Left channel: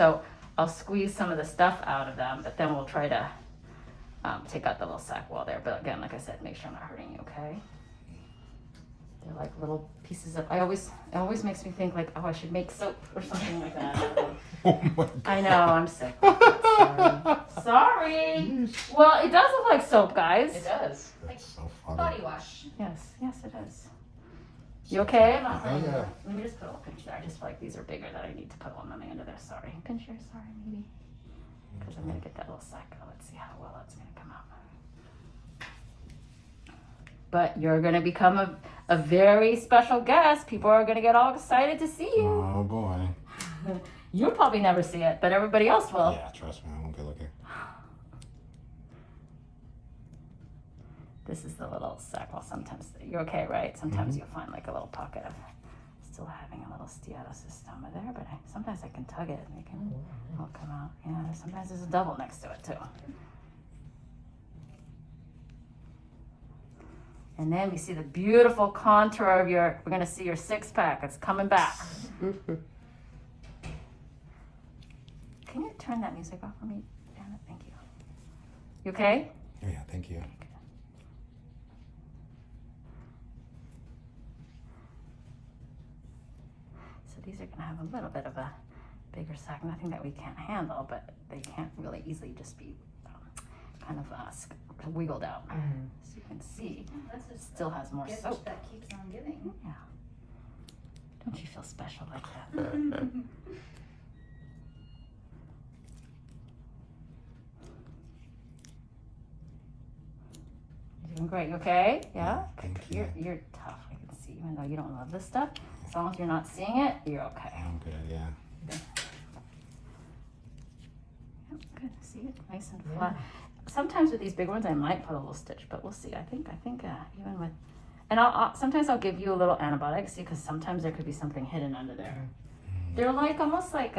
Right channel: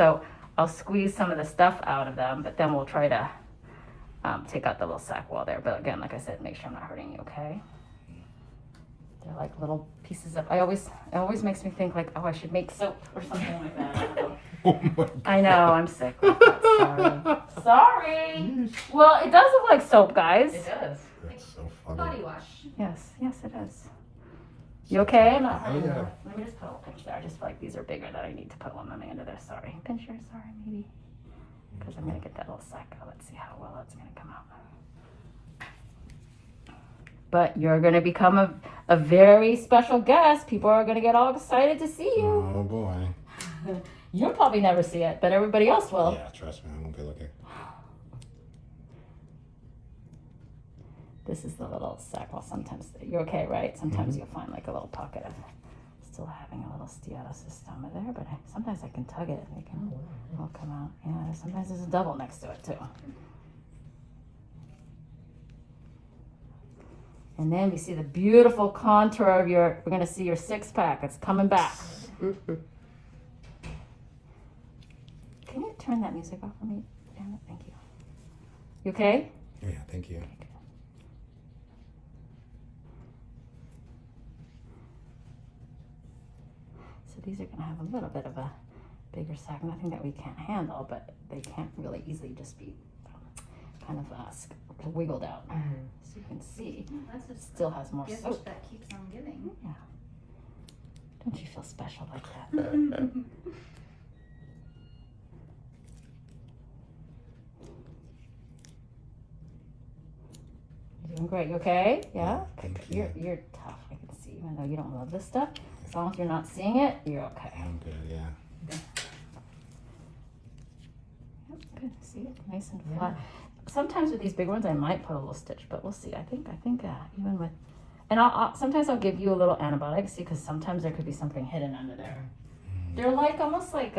So I'll squeeze some of the stuff out of them, but then we'll try to take out the little sac wall there. But again, like I said, make sure I'm not hurting you, okay? They're like little pieces of, it always makes me think like, oh, I should make soap or something like that. Oh my God. I know, I'm sick. Sorry. Well, it does look like soap, guys. It does. That's so funny. Body wash. Yes, it does. You okay? I'm not Oh, yeah. Let me just put a little pinch there. I just feel like these are bigger that I need to put one on the end of there. Sorry. Pincher, sorry, maybe. Because I'm going to get that little sack out. Let's see how well it's going to come out. But you're going to become a very special guest. People are going to get all excited to see you. Oh boy. You'll probably never see it, but everybody else will. Yeah, trust me, I won't be looking. This is the little sack. Well, sometimes you're okay, right? Sometimes you'll find like a little pocket of still having a little steatocystoma there, but sometimes I can tug it and it'll come out. Yeah, sometimes there's a double next to it too. And then we see the beautiful contour of we're gonna see your six pack. It's coming back. Can you turn that music off for me, Anna? Thank you. You okay? Yeah, thank you. So these are going to have a little bit of a bigger sac, nothing that we can't handle, but they can't really easily just be kind of wiggled out. So you can see, it still has more Gift soap. that keeps on giving. Yeah. Don't you feel special like that? You're doing great, you okay? Yeah? Thank you. You're tough, I can see, even though you don't love this stuff. As long as you're not seeing it, you're okay. I'm good, yeah. Yep, good. See it? Nice and flat. Sometimes with these big ones, I might put a little stitch, but we'll see. I think even with, and sometimes I'll give you a little antibiotic, see, because sometimes there could be something hidden under there. They're like almost like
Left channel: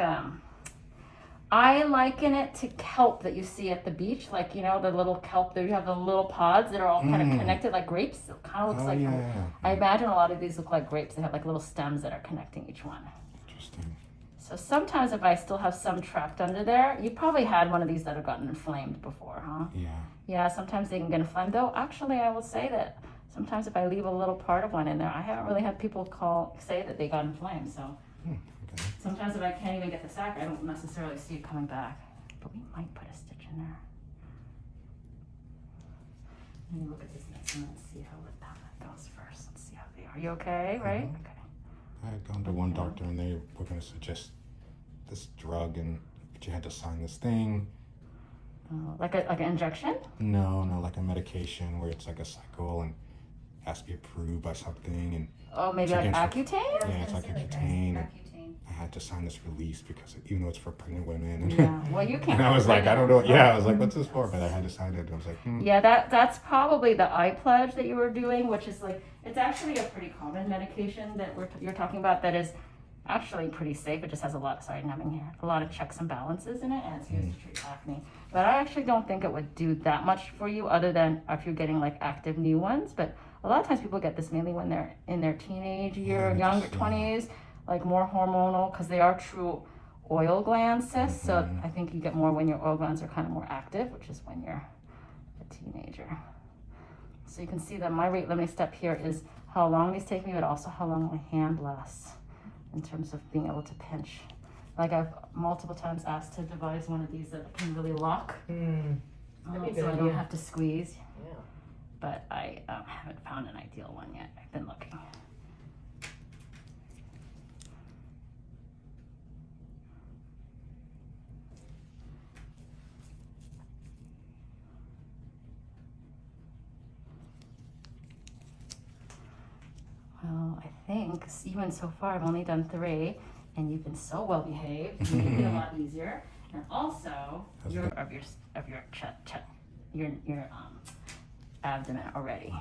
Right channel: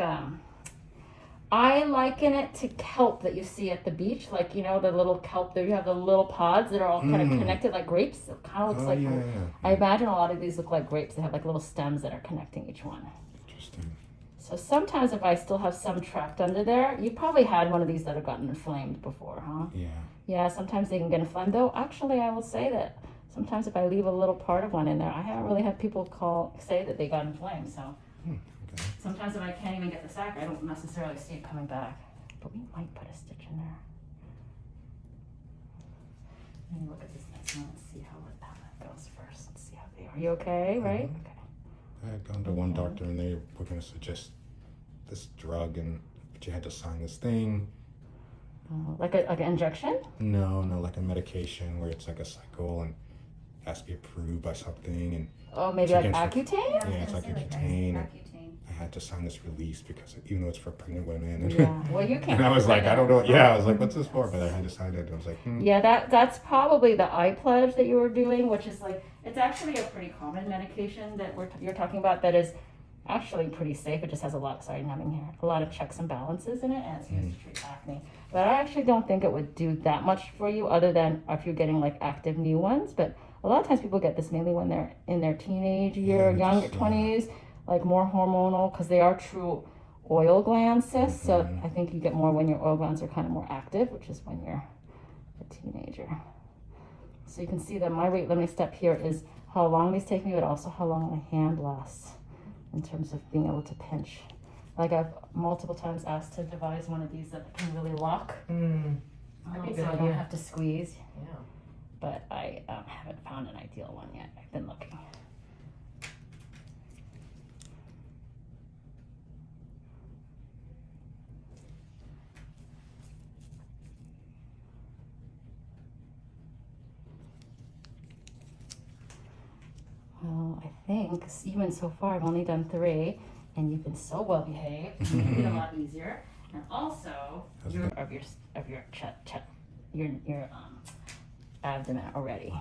I liken it to kelp that you see at the beach, like the little kelp. There you have the little pods that are all kind of connected like grapes. It kind of looks like. Yeah. I imagine a lot of these look like grapes. They have like little stems that are connecting each one. Interesting. So sometimes if I still have some trapped under there, you probably had one of these that have gotten inflamed before, huh? Yeah. Yeah, sometimes they can get inflamed. Though actually, I will say that sometimes if I leave a little part of one in there, I have really had people say that they got inflamed. So Okay. sometimes if I can't even get the sac, I don't necessarily see it coming back. But we might put a stitch in there. Let me look at this next one and see how that goes first. Let's see how they are. You okay, right? Okay. I had gone to one doctor and they were going to suggest this drug, but you had to sign this thing. Like an injection? No, like a medication where it's like a cycle and has to be approved by something. And Oh, maybe Two like games for- Accutane? yeah, it's like Accutane. Accutane. And Accutane. I had to sign this release because even though it's for pregnant women. And, Yeah. Well, you can't. and I was like, I don't know. Yeah, I was like, what's this for? But I had to sign it. I was like, Yeah, that's probably the eye pledge that you were doing, which is like, it's actually a pretty common medication that you're talking about that is actually pretty safe. It just has a lot of checks and balances in it, and it's used to treat acne. But I actually don't think it would do that much for you other than if you're getting like active new ones. But a lot of times people get this mainly when they're in their teenage year, Yeah, younger just, 20s, like more hormonal, because they are true oil gland cysts. So I think you get more when your oil glands are kind of more active, which is when you're a teenager. So you can see that my rate limiting step here is how long these take me, but also how long my hand lasts in terms of being able to pinch. Like I've multiple times asked to devise one of these that can really lock, That'd be a good so I don't idea. have to squeeze. Yeah. But I haven't found an ideal one yet. I've been looking. Well, I think even so far I've only done 3, and you've been so well behaved. It's made it a lot easier. And also your abdomen already.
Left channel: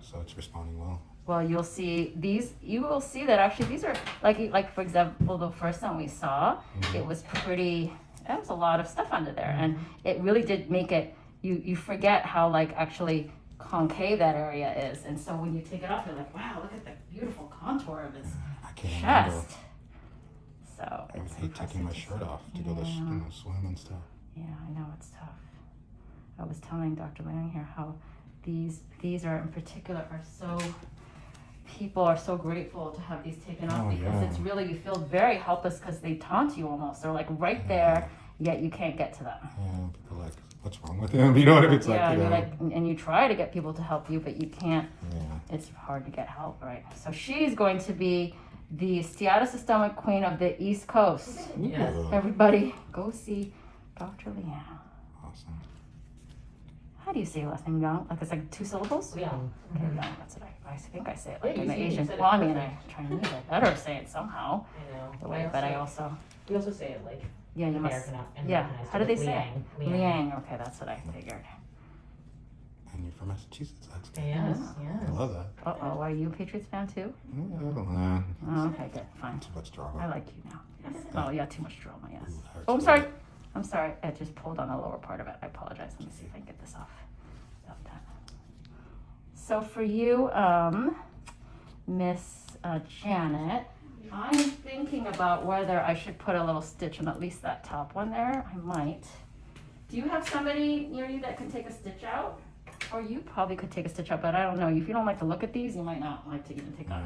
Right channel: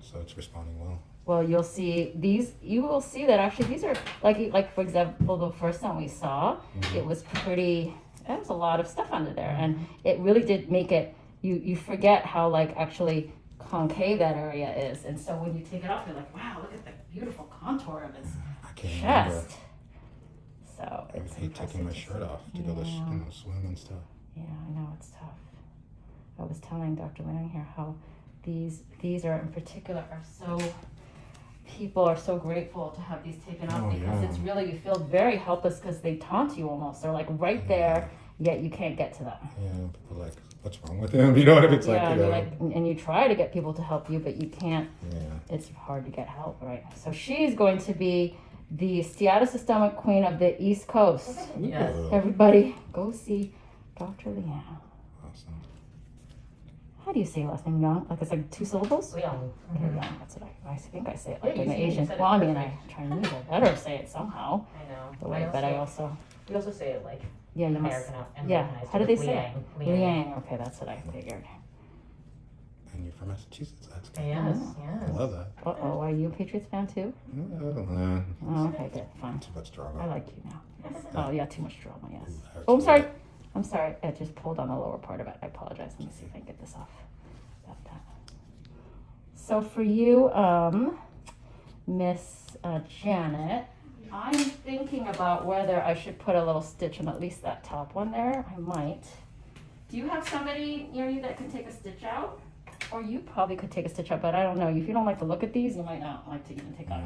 so it's responding well. Well, you'll see these. You will see that actually these are like for example, the first one we saw, it was pretty. There was a lot of stuff under there, and it really did make it. You forget how like actually concave that area is, and so when you take it off, you're like, wow, look at the beautiful contour of his I can't remember. chest. So So I it's hate taking my impressive to shirt see. off to go to swim and stuff. Yeah, I know it's tough. I was telling Dr. Lang here how these are in particular are so, people are so grateful to have these taken off Oh, because yeah. it's really, you feel very helpless because they taunt you almost. They're like right there, yet you can't get to them. Yeah, people are like, what's wrong with him? You know what it's like, Yeah, you you're know? like, and you try to get people to help you, but you can't. Yeah. It's hard to get help, right? So she's going to be the steatocystoma queen of the East Coast. Yes. Ooh, Everybody, go see Dr. Liang. awesome. How do you say your last name? You know, like it's like 2 syllables. Yeah. Okay, yeah, that's what I think I say it like Yeah, in you the Asian. said it Well, I mean, perfect. Chinese. I better say it somehow. I know. Right, but I also, We also say it like yeah, you must. American. Yeah. Americanized. How do they say Liang. it? Liang. Okay, that's what I figured. And you're from Massachusetts. That's good. Yes, I yes. love that. Uh-oh, are you a Patriots fan too? Yeah, Oh, okay, good, fine. too much I drama. like you now. Yes. Oh, yeah, too much drama, yes. Ooh, hurts Oh, I'm a sorry. little. I'm sorry. I just pulled on the lower part of it. I apologize. Let me see if I can get this off. About that. So for you, Miss Janet, I'm thinking about whether I should put a little stitch on at least that top one there. I might. Do you have somebody near you that can take a stitch out? Or you probably could take a stitch out, but I don't know. If you don't like to look at these, you might not like to even take out